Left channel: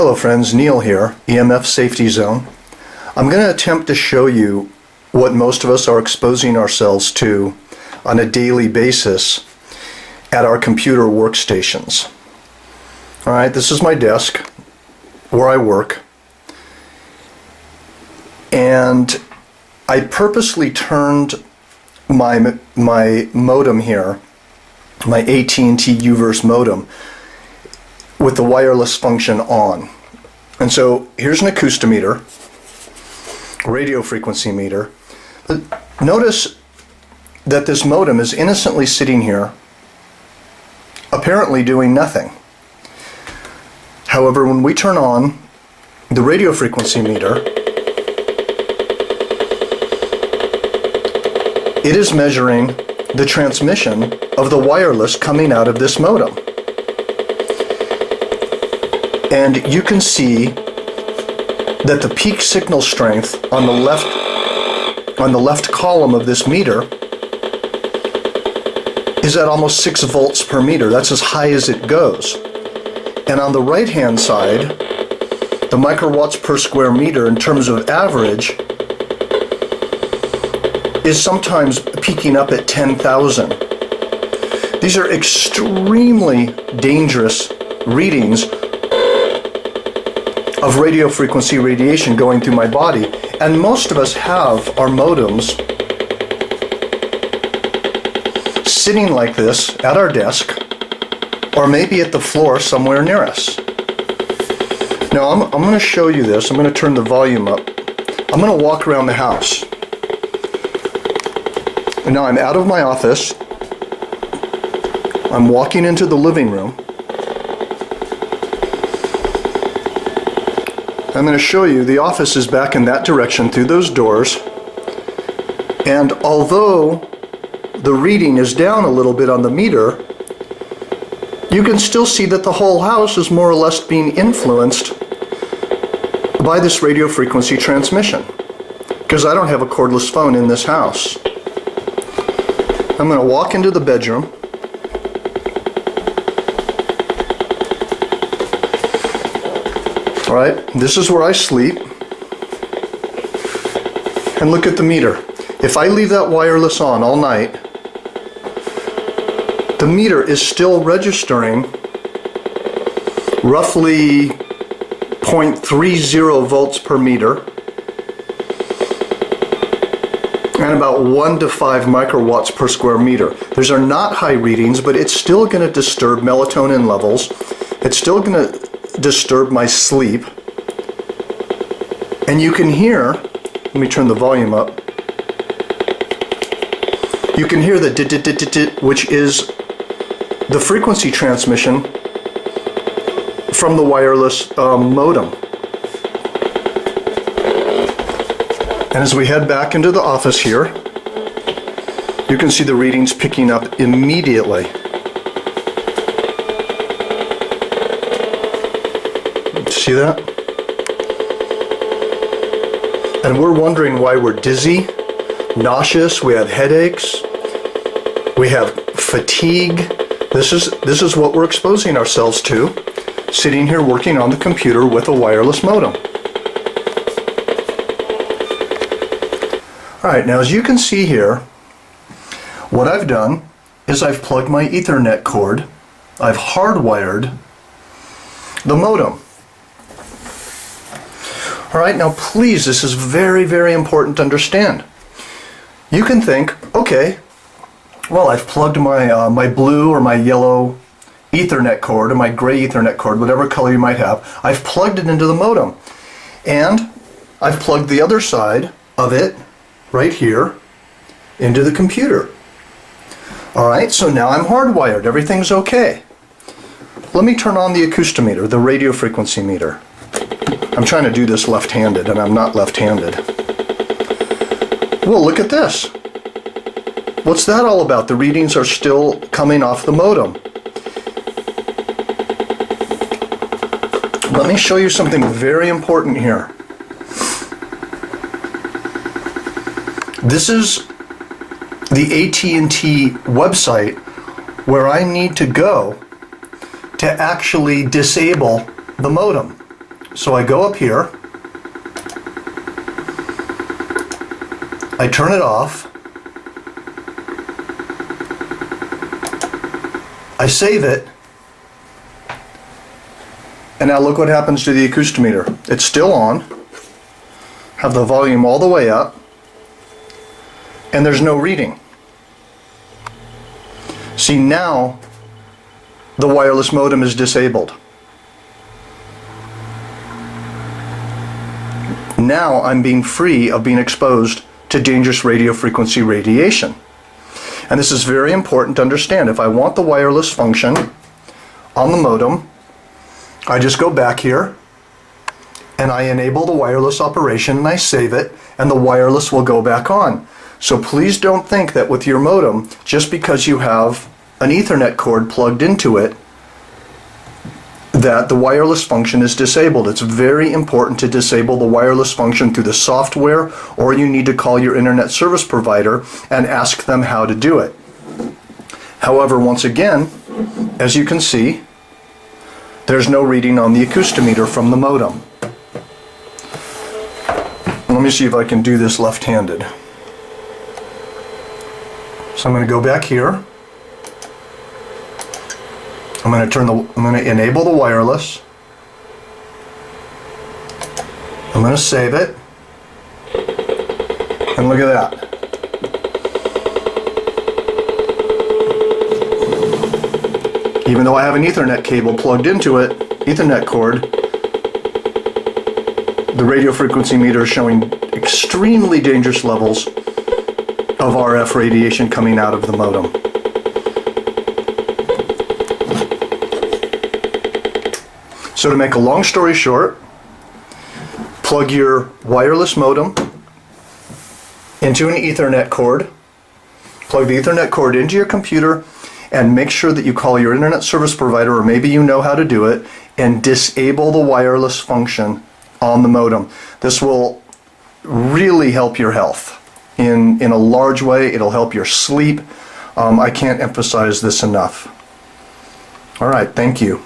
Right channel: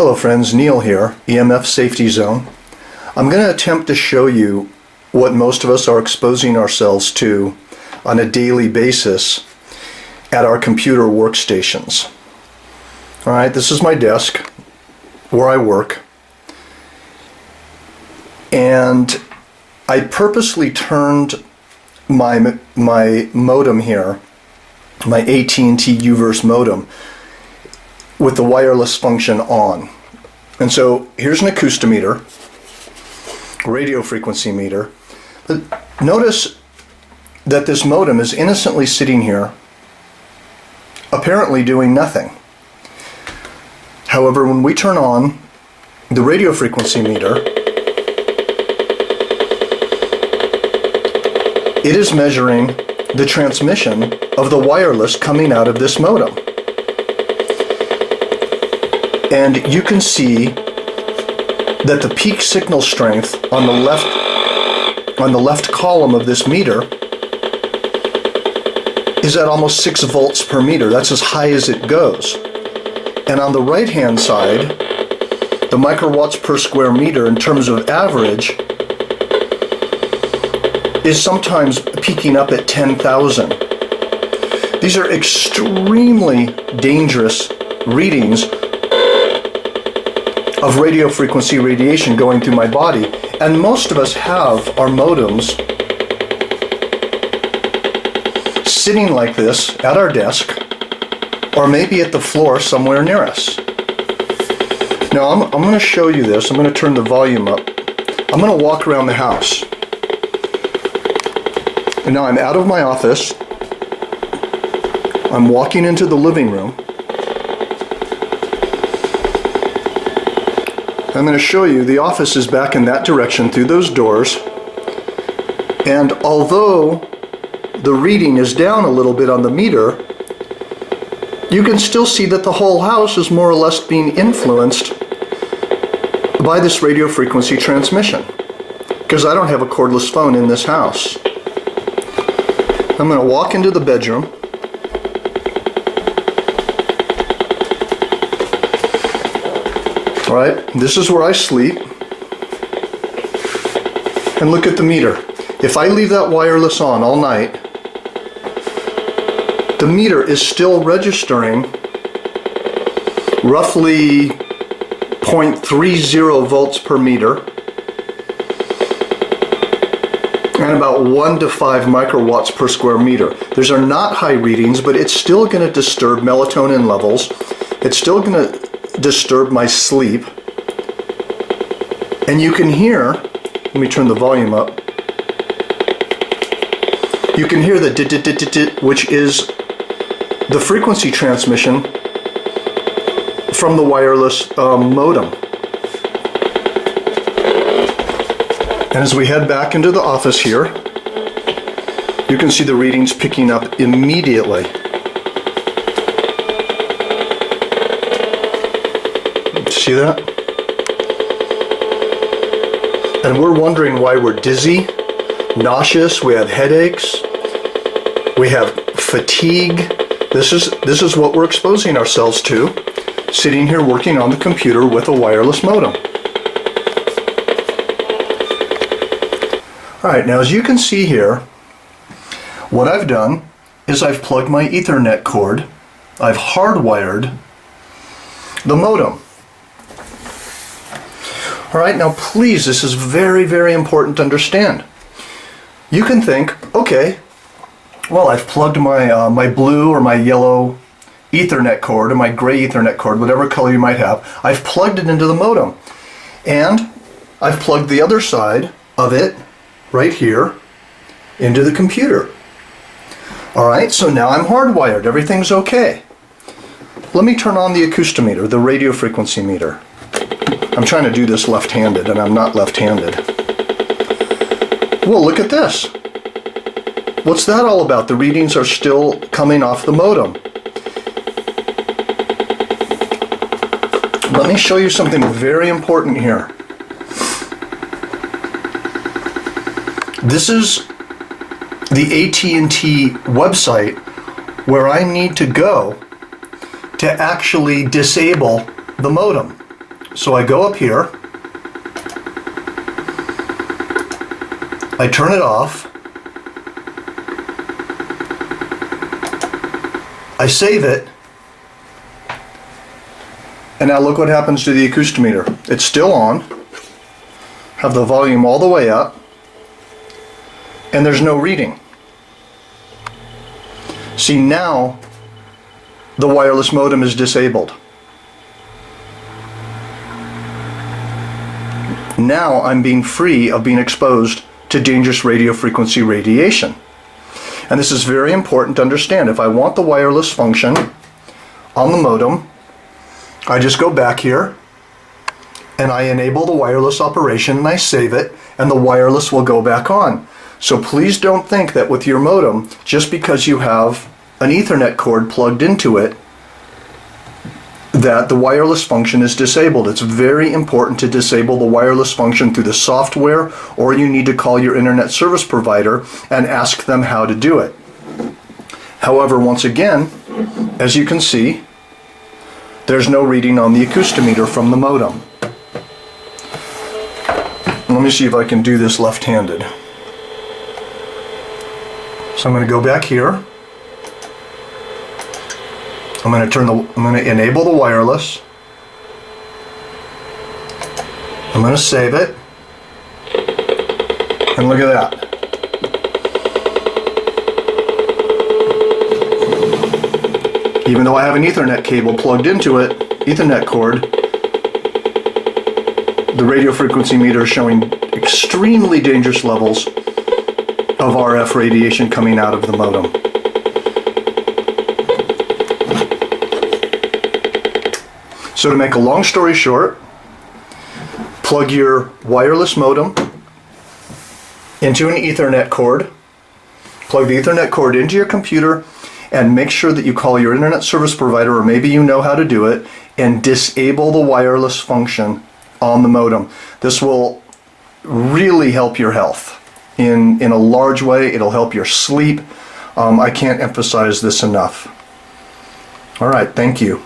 Hello friends, Neil here, EMF Safety Zone. I'm going to attempt to show you what most of us are exposing ourselves to on a daily basis at our computer workstations. Alright, this is my desk where I work, and I purposely turned my modem here, my AT&T U-verse modem, with the wireless function on. And so here's an acoustometer, radio frequency meter. But notice that this modem is innocently sitting here, apparently doing nothing. However, when we turn on the radio frequency meter, it is measuring the transmission of the wireless coming out of this modem. And you can see that the peak signal strength on the left column of this meter is at almost 6 volts per meter. That's as high as it goes. And on the right hand side, the microwatts per square meter in terms of average is sometimes peaking up at 10,000. These are extremely dangerous readings of radio frequency radiation going through my body, and most of us have our modems sitting like this at our desk or maybe at the floor somewhere near us. Now I'm going to show you this. I'm going to turn the volume up. I'm going to walk around the house. And now I'm out of my office. I'm walking into the living room. I'm going to show you the office is back in that direction through those doors, and although the reading is down a little bit on the meter, you can still see that the whole house is more or less being influenced by this radio frequency transmission, because I don't have a cordless phone in this house. I'm going to walk into the bedroom. Alright, this is where I sleep, and look at the meter. If I leave that wireless on all night, the meter is still registering roughly 0.30 volts per meter and about 1 to 5 microwatts per square meter. Those are not high readings, but it's still going to disturb melatonin levels. It's still going to disturb my sleep, and you can hear, let me turn the volume up, you can hear the dit, which is the frequency transmission from the wireless modem. And as we head back into the office here, you can see the readings picking up immediately. See that? And we're wondering why we're dizzy, nauseous, we have headaches, we have fatigue. This is what we're exposing ourselves to, sitting here working on the computer with a wireless modem. Alright, now as you can see here, what I've done is I've plugged my Ethernet cord, I've hardwired the modem. Alright, now please, this is very, very important to understand. You can think, okay, well, I've plugged my, my blue or my yellow Ethernet cord or my gray Ethernet cord, whatever color you might have, I've plugged it into the modem. And I've plugged the other side of it, right here, into the computer. Alright, so now I'm hardwired, everything's okay. Let me turn on the acoustometer, the radio frequency meter. I'm trying to do this left-handed, and I'm not left-handed. Well, look at this. What's that all about? The readings are still coming off the modem. Let me show you something very important here. This is the AT&T website where I need to go to actually disable the modem. So I go up here, I turn it off, I save it, and now look what happens to the acoustometer. It's still on, have the volume all the way up, and there's no reading. See, now the wireless modem is disabled. Now I'm being free of being exposed to dangerous radio frequency radiation. And this is very important to understand. If I want the wireless function on the modem, I just go back here and I enable the wireless operation and I save it, and the wireless will go back on. So please don't think that with your modem, just because you have an Ethernet cord plugged into it, that the wireless function is disabled. It's very important to disable the wireless function through the software, or you need to call your internet service provider and ask them how to do it. However, once again, as you can see, there's no reading on the acoustometer from the modem. Let me see if I can do this left-handed. So I'm going to go back here. I'm going to enable the wireless. I'm going to save it. And look at that. Even though I have an Ethernet cable plugged into it, Ethernet cord, the radio frequency meter is showing extremely dangerous levels of RF radiation coming out of the modem. So to make a long story short, plug your wireless modem into an Ethernet cord, plug the Ethernet cord into your computer, and make sure that you call your internet service provider, or maybe you know how to do it, and disable the wireless function on the modem. This will really help your health in a large way. It'll help your sleep. I can't emphasize this enough. All right, thank you.